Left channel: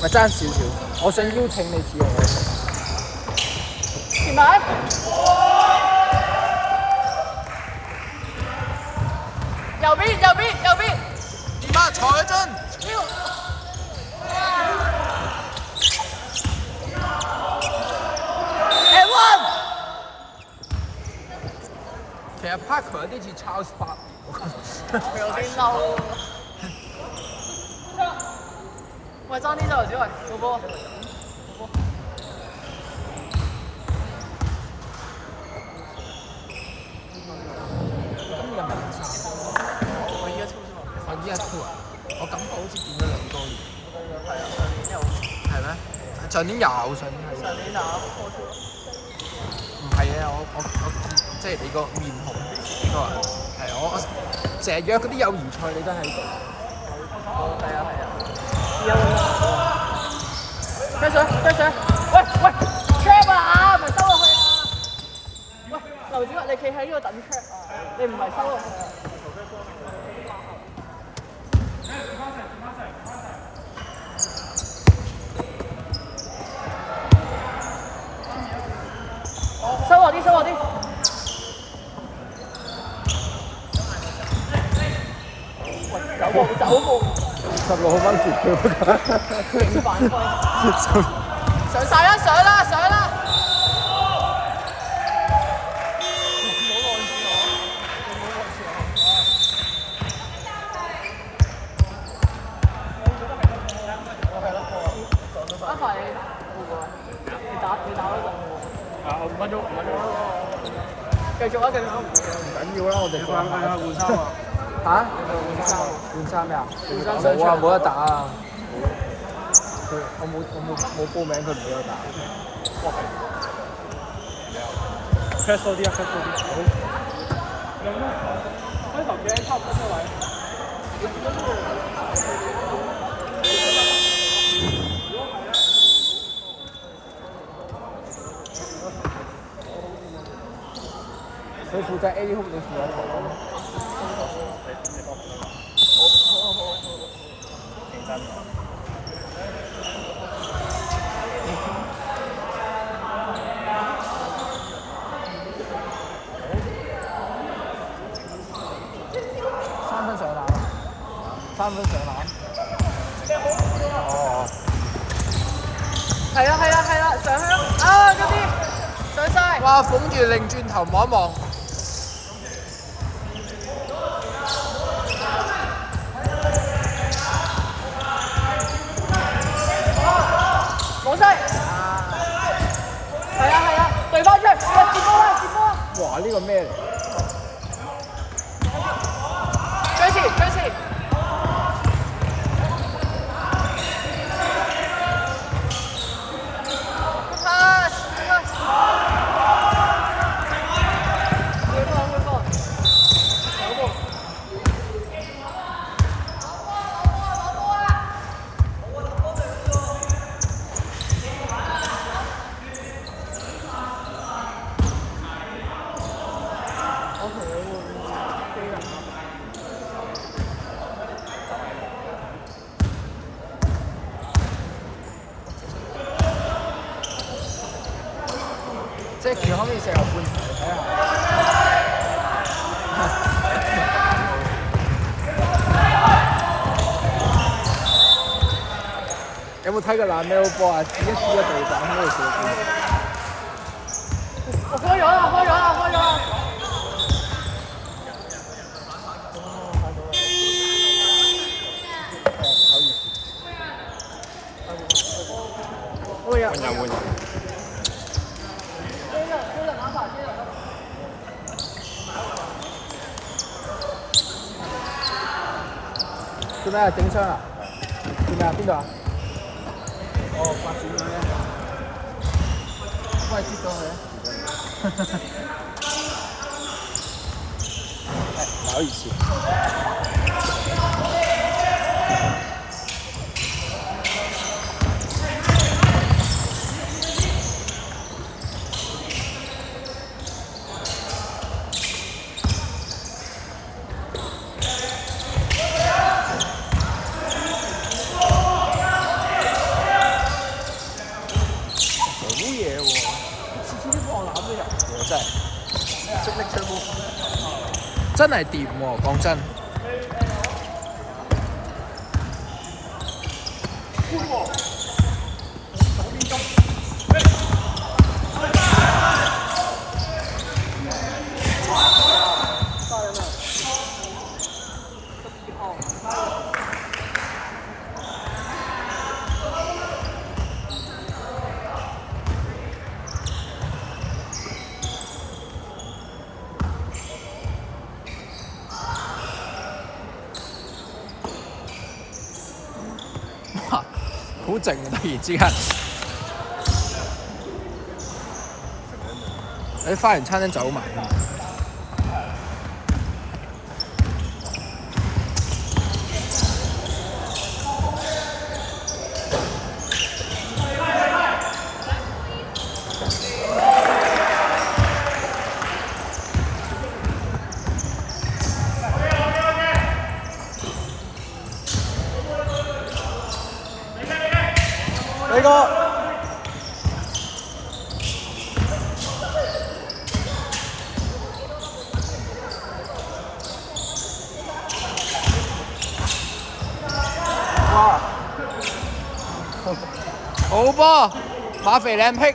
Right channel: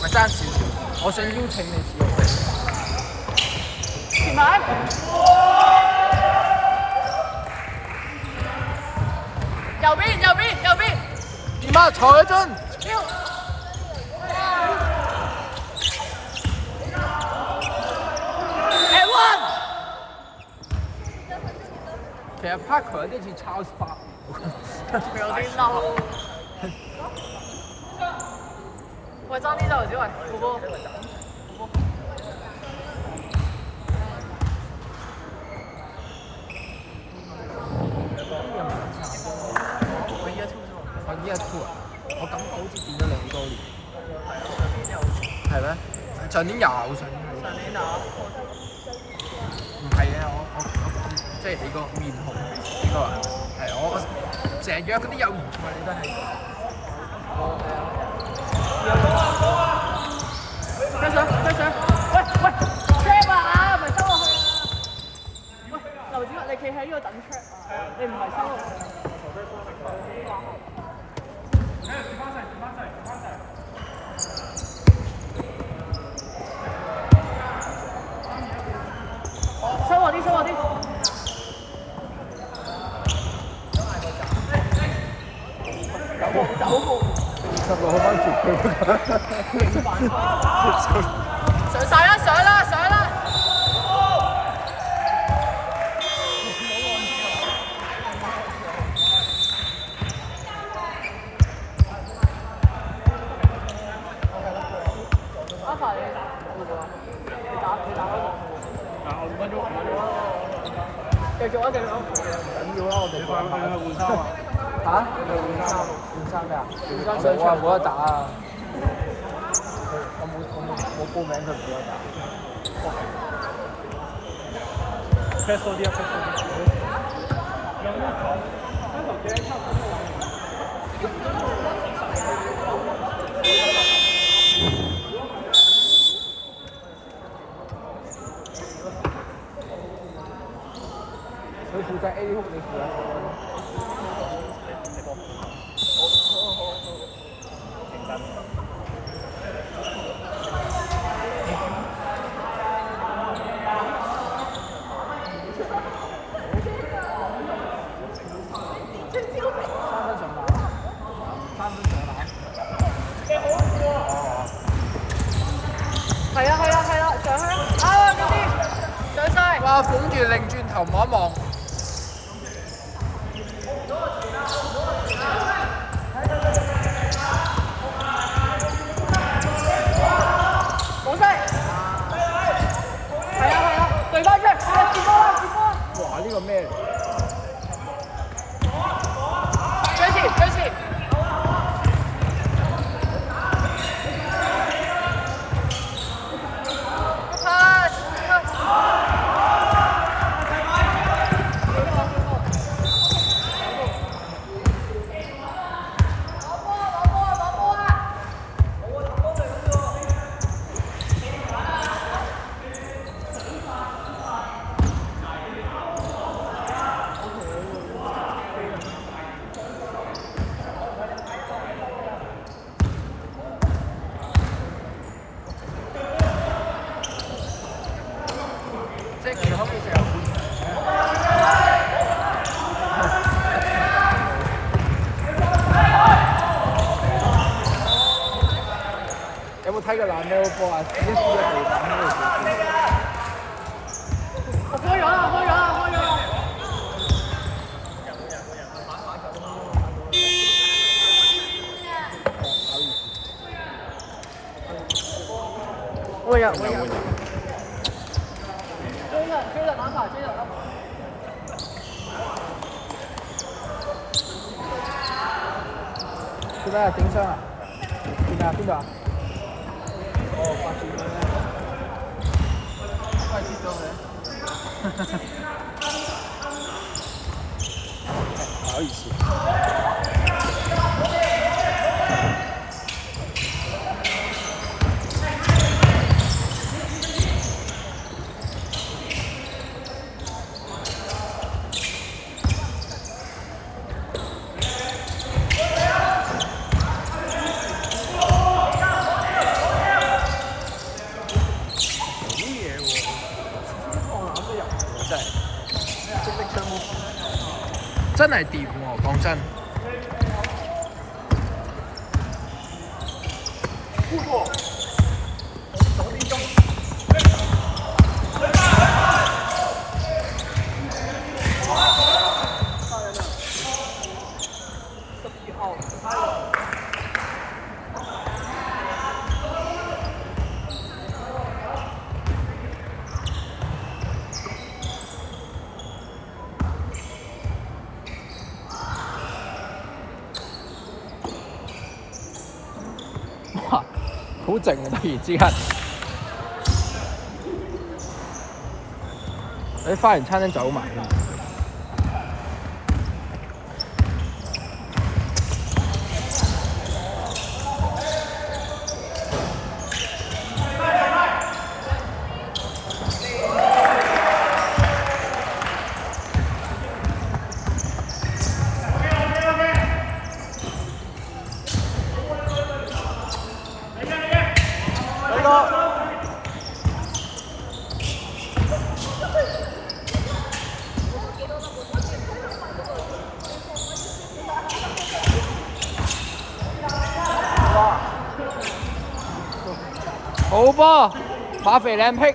咪爭少少，我想邀請你試下。前排。右邊。點啊？坐一陣。其實 Parker 有啲似 Charles Barkley， 我覺得。有啲嬲。喂，爭啲就小雲，做波。我依家 cool 啊！我感覺好似變咗2多年。係咩？上年有，上年係。唔係啊！我即係你個面紅呢個啊，係我成日約嗰啲友誼賽，你都喺度。跟上！喂 ，trap 啊，唔係收落去啊！喂，劉子你企喺呢度等 trap 啊，你唔係收落去。收我啲。走步。16號翻絕機。上啦！5分鐘。繼續啊！唔緊要啦，我哋換衫啊！嚇？換衫呀？上場冇得打啊！我冇報名佢唔俾我打。press 多啲啊！有咩？開頭幾差唔多位。佢負責 A 空嘅時候。3分上籃。你好笑喎！係啊，上啦！啊，嗰啲上晒。哇！捧住擰轉頭望一望。冇晒。係啊，對翻出嚟，接波！哇！呢個咩嚟？即係住可唔可以食牛半？有冇睇過藍咩波啊？自己輸咗地板喺度做。我開咗啦！會有。做咩啊？整傷啊？做咩啊？邊度啊？哦，發線咩？都係跌咗佢。唔好意思。真係掂喎，講真。哇，好靜啊！突然之間，喺花園餐廳走埋添。呢個好波，馬肥靚僻。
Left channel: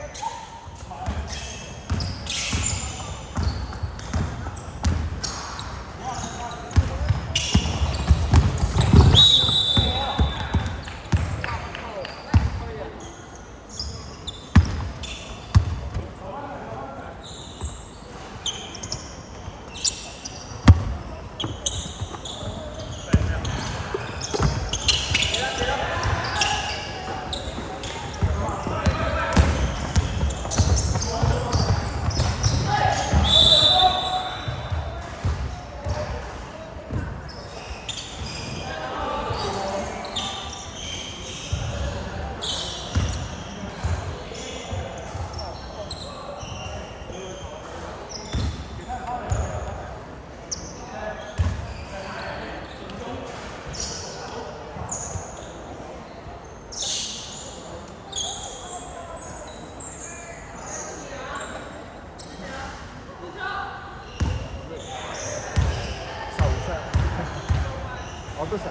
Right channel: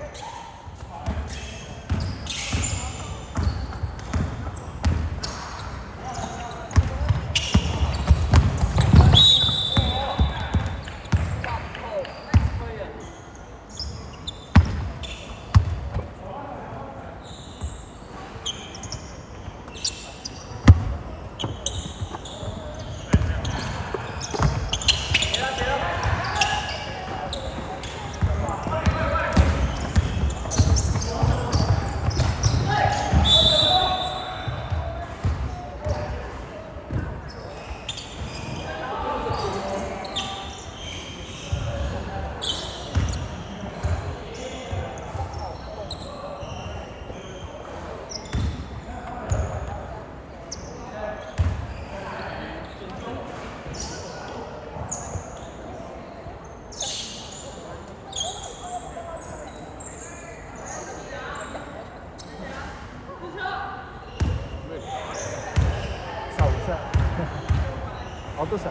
我都想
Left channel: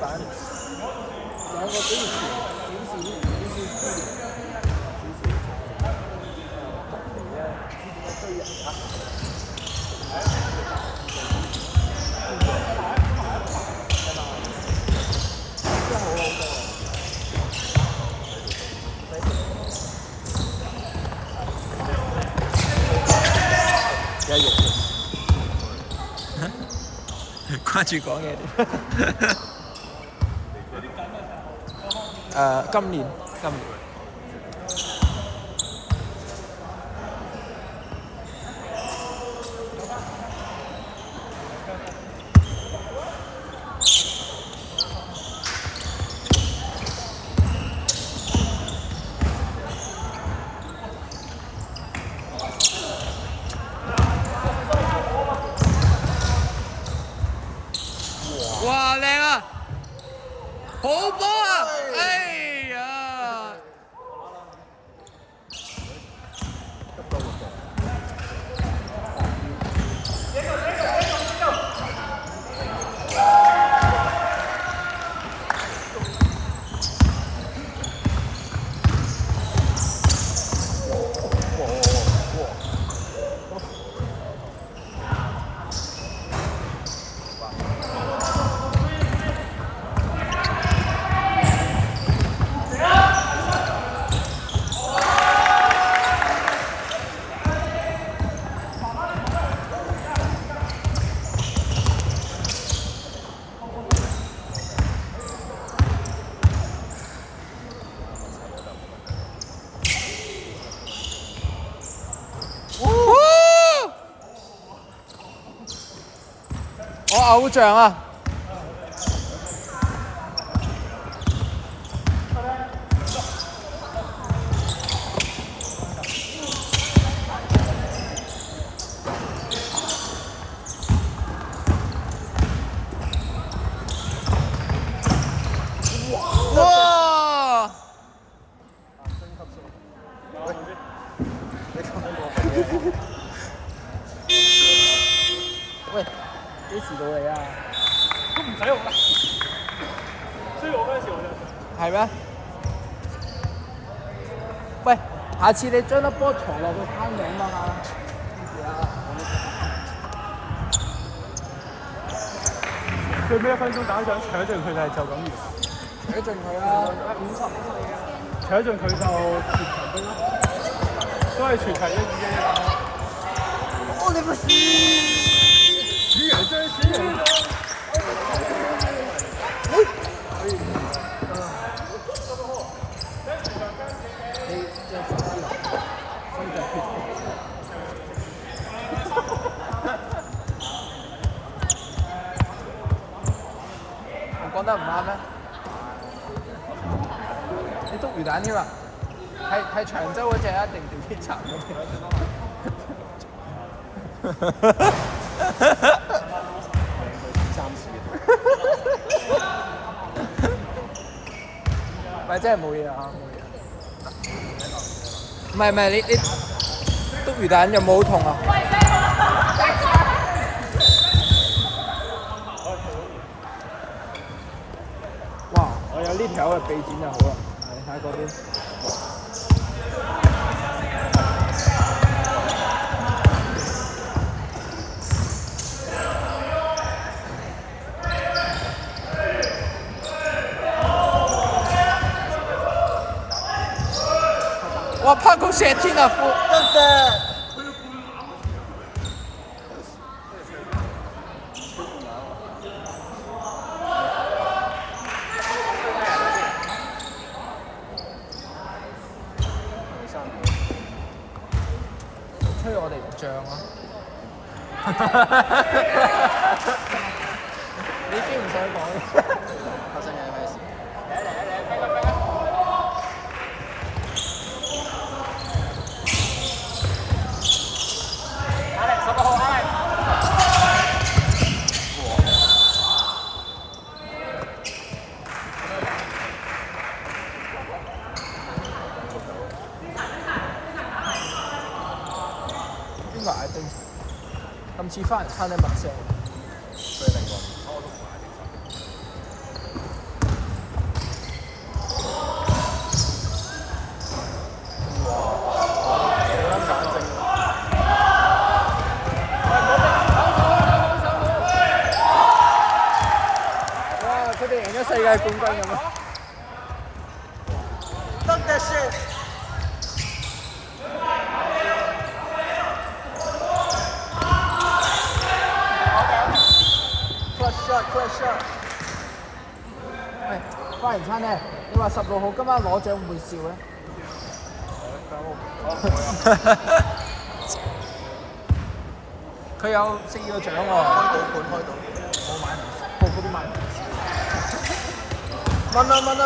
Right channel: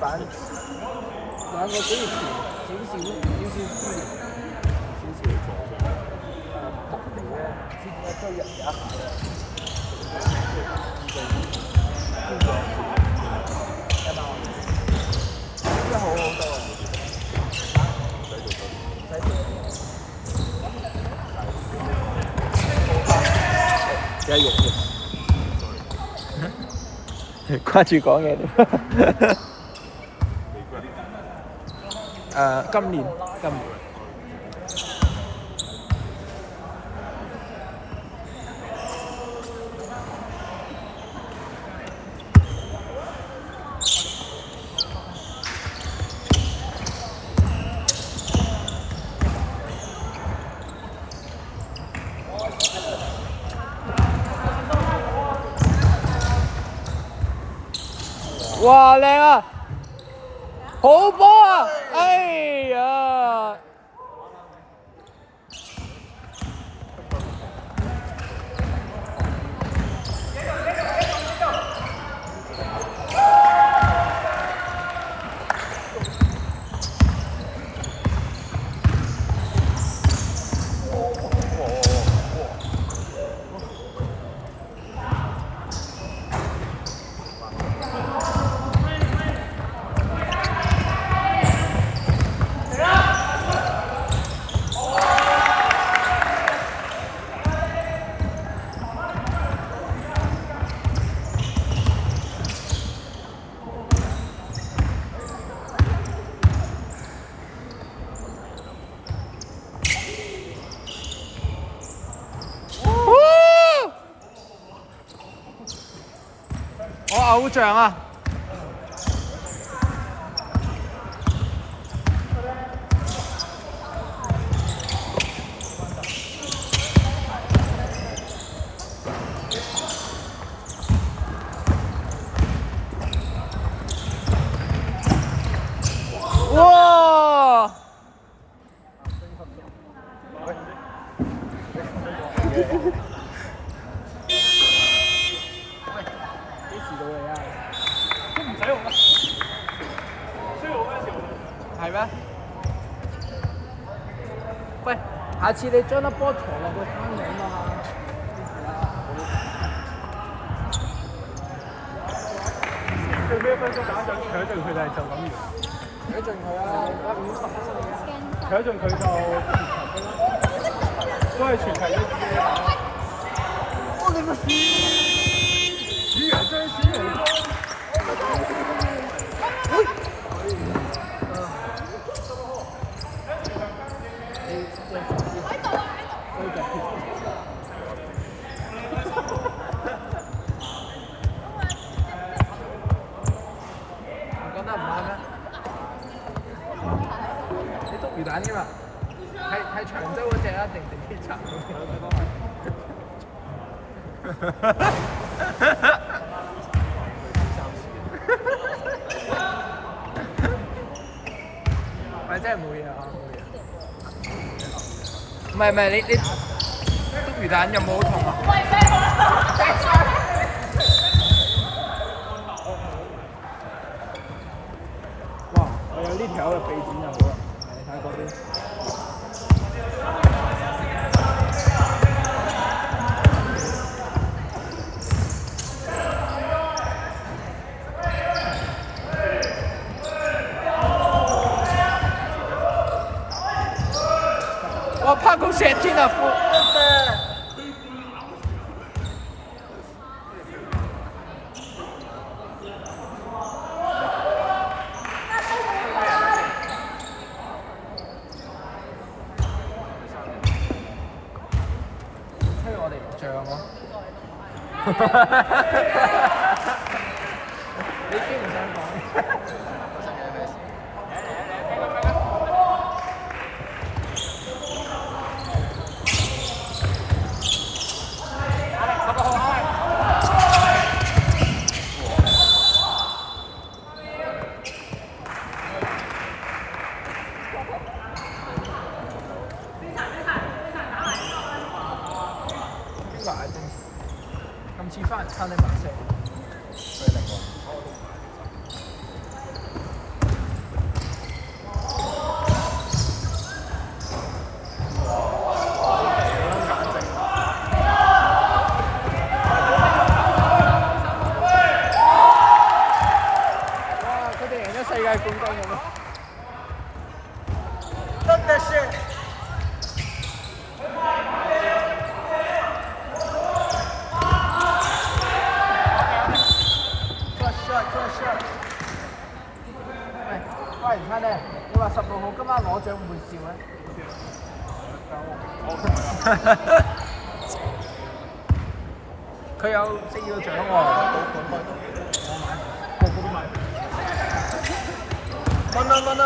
班兩個比以前少資源，少助力，特別咧，知點解堆人家真係好好多啊！一樣掛住講嘢點？今年。哇，靚啊！好波啊！哎呀！我偶像啊！哇！幾時到你啊？唔使用，需要我嗰陣時我係咩？喂，下次你將粒波投落個坑度啊嘛。最尾1分鐘打咗搶盡佢哋就咁完，睇盡佢啦。搶盡佢就都係全場一嘅。我哋個主人真係主人。我覺得唔啱啦。你篤魚蛋啫嘛？係長洲嗰只啊，定機場嗰隻？咪真係冇嘢啊！唔係你篤魚蛋有冇好痛啊？哇！我有呢條嘅臂展就好啦，你睇嗰邊。我拍個石天啊！吹我哋唔漲咯！你已經唔想講。今次翻嚟撐你麥聲。佢哋贏咗世界冠軍咁啊！真的是。喂，花園餐廳，你話16號今晚攞獎會笑咧？佢有4個獎喎，我買唔到，個個都買唔到。問啊！